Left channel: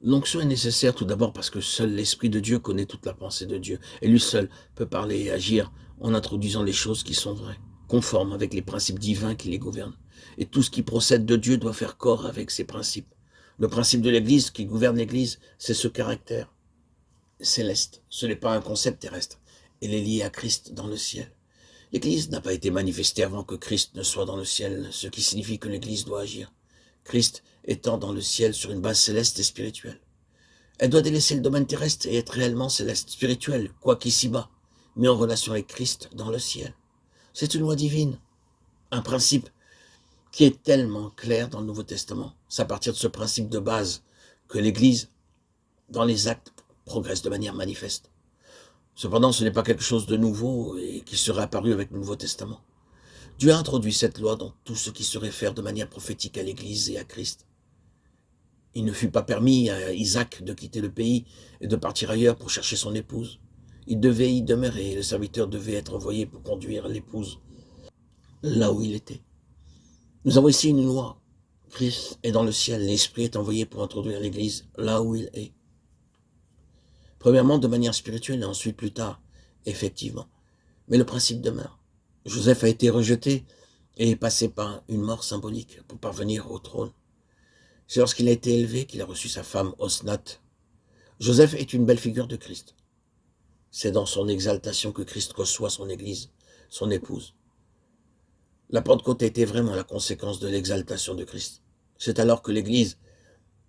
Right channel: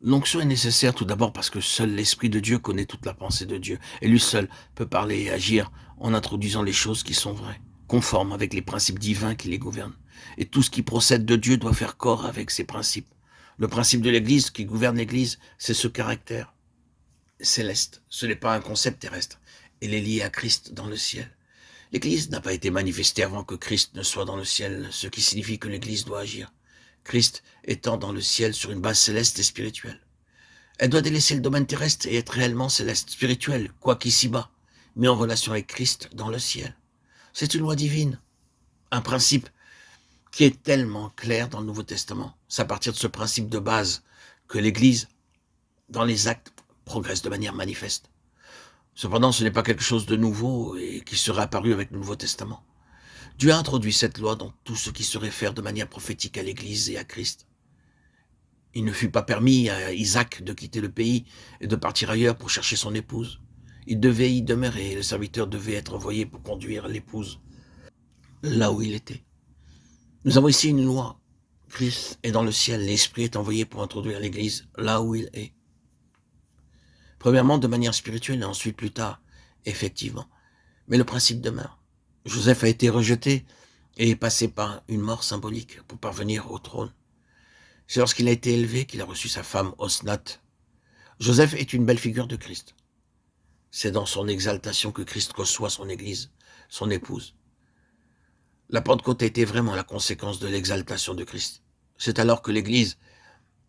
L'onction est nécessaire tout d'abord parce que seul l'Esprit de Dieu connaît toute la pensée de Dieu. Et lui seul peut parler et agir en introduisant les choses qui sont vraies, conformes avec les principes divins qui les gouvernent. Et tout ce qui procède de Dieu doit faire corps avec ces principes. Le principe de l'Église qui gouverne l'Église, c'est ce caractère céleste. Ce n'est pas un concept terrestre. Elle est liée à Christ dans le ciel. L'Église n'a pas été manifestée avant que Christ ne soit dans le ciel, ce qui signifie que l'Église doit agir. Christ étant dans le ciel sur une base céleste et spirituelle. Elle doit délaisser le domaine terrestre et être réellement céleste, spirituelle, quoiqu'ici-bas, mais en relation avec Christ dans le ciel. C'est une loi divine, un principe qui est tellement clair dans le Nouveau Testament. C'est à partir de ce principe de base que l'Église, dans les actes, progresse de manière manifeste. Cependant, ce n'est pas quelque chose de nouveau et qui serait apparu avec le Nouveau Testament. Dieu a introduit cette loi dans tout ce qui se réfère de manière prophétique à l'Église et à Christ. Il ne fut pas permis à Isaac de quitter le pays et de partir ailleurs pour chercher son épouse. Il devait y demeurer et le serviteur devait être envoyé pour conduire l'épouse là où il était. Nous avons ici une loi. Christ est dans le ciel, l'Esprit est envoyé pour introduire l'Église là où il est. Premièrement, de manière spirituelle et ensuite plus tard, effectivement. Mais le principe demeure. Joseph a été rejeté et est passé par une mort symbolique pour parvenir au trône. C'est lorsqu'il a été élevé qu'il a reçu sa femme Osnath. Joseph est une belle figure de Christ. C'est dans son exaltation que Christ reçoit son Église, son épouse. La Pentecôte a été vraiment la conséquence de l'exaltation de Christ. C'est alors que l'Église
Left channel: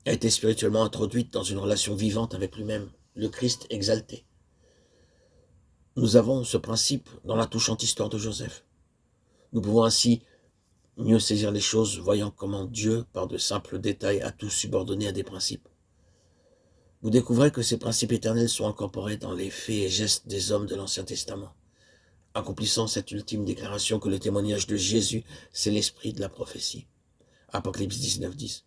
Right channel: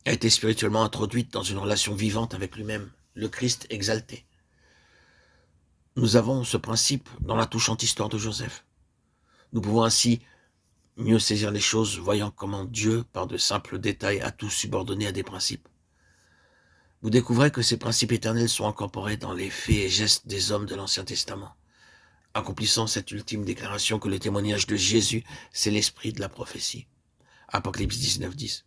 a été spirituellement introduite dans une relation vivante avec lui-même, le Christ exalté. Nous avons ce principe dans la touchante histoire de Joseph. Nous pouvons ainsi mieux saisir les choses, voyant comment Dieu, par de simples détails, a tout subordonné à des principes. Vous découvrez que ces principes éternels sont incorporés dans les faits et gestes des hommes de l'Ancien Testament, accomplissant cette ultime déclaration que le témoignage de Jésus, c'est l'esprit de la prophétie. Apocalypse 19:10.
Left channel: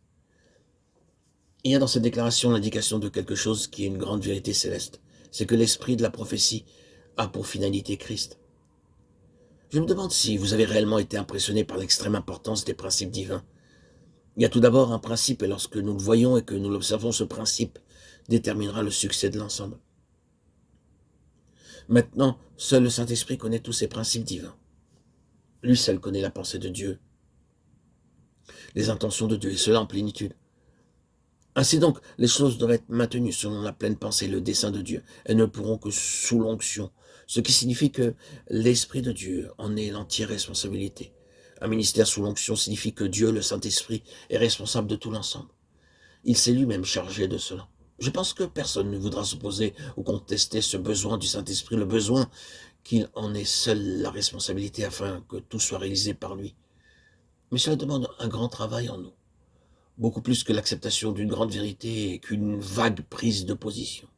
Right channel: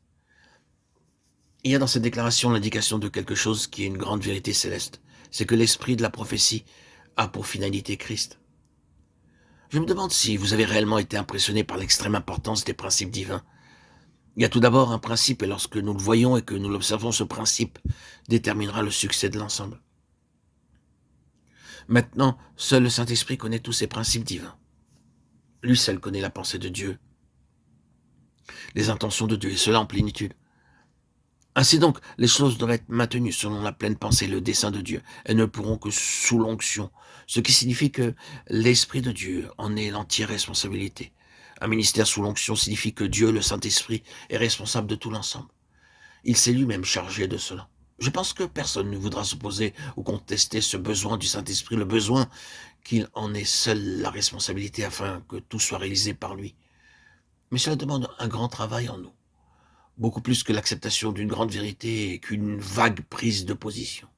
Il y a dans cette déclaration l'indication de quelque chose qui est une grande vérité céleste. C'est que l'esprit de la prophétie a pour finalité Christ. Je me demande si vous avez réellement été impressionné par l'extrême importance des principes divins. Il y a tout d'abord un principe, et lorsque nous le voyons et que nous l'observons, ce principe déterminera le succès de l'ensemble. Maintenant, seul le Saint-Esprit connaît tous ces principes divins. Lui seul connaît la pensée de Dieu, les intentions de Dieu, et cela en plénitude. Ainsi donc, les choses doivent être maintenues selon la pleine pensée, le dessein de Dieu. Elles ne pourront que sous l'onction, ce qui signifie que l'Esprit de Dieu en est l'entière responsabilité. Un ministère sous l'onction signifie que Dieu, le Saint-Esprit, est responsable de tout l'ensemble. Il s'est lui-même chargé de cela. Je pense que personne ne voudra s'opposer ou contester ce besoin du Saint-Esprit, le besoin qu'il en ait seul la responsabilité afin que tout soit réalisé par lui. Mais cela demande un grand travail en nous, beaucoup plus que l'acceptation d'une grande vérité et qu'une vague prise de position.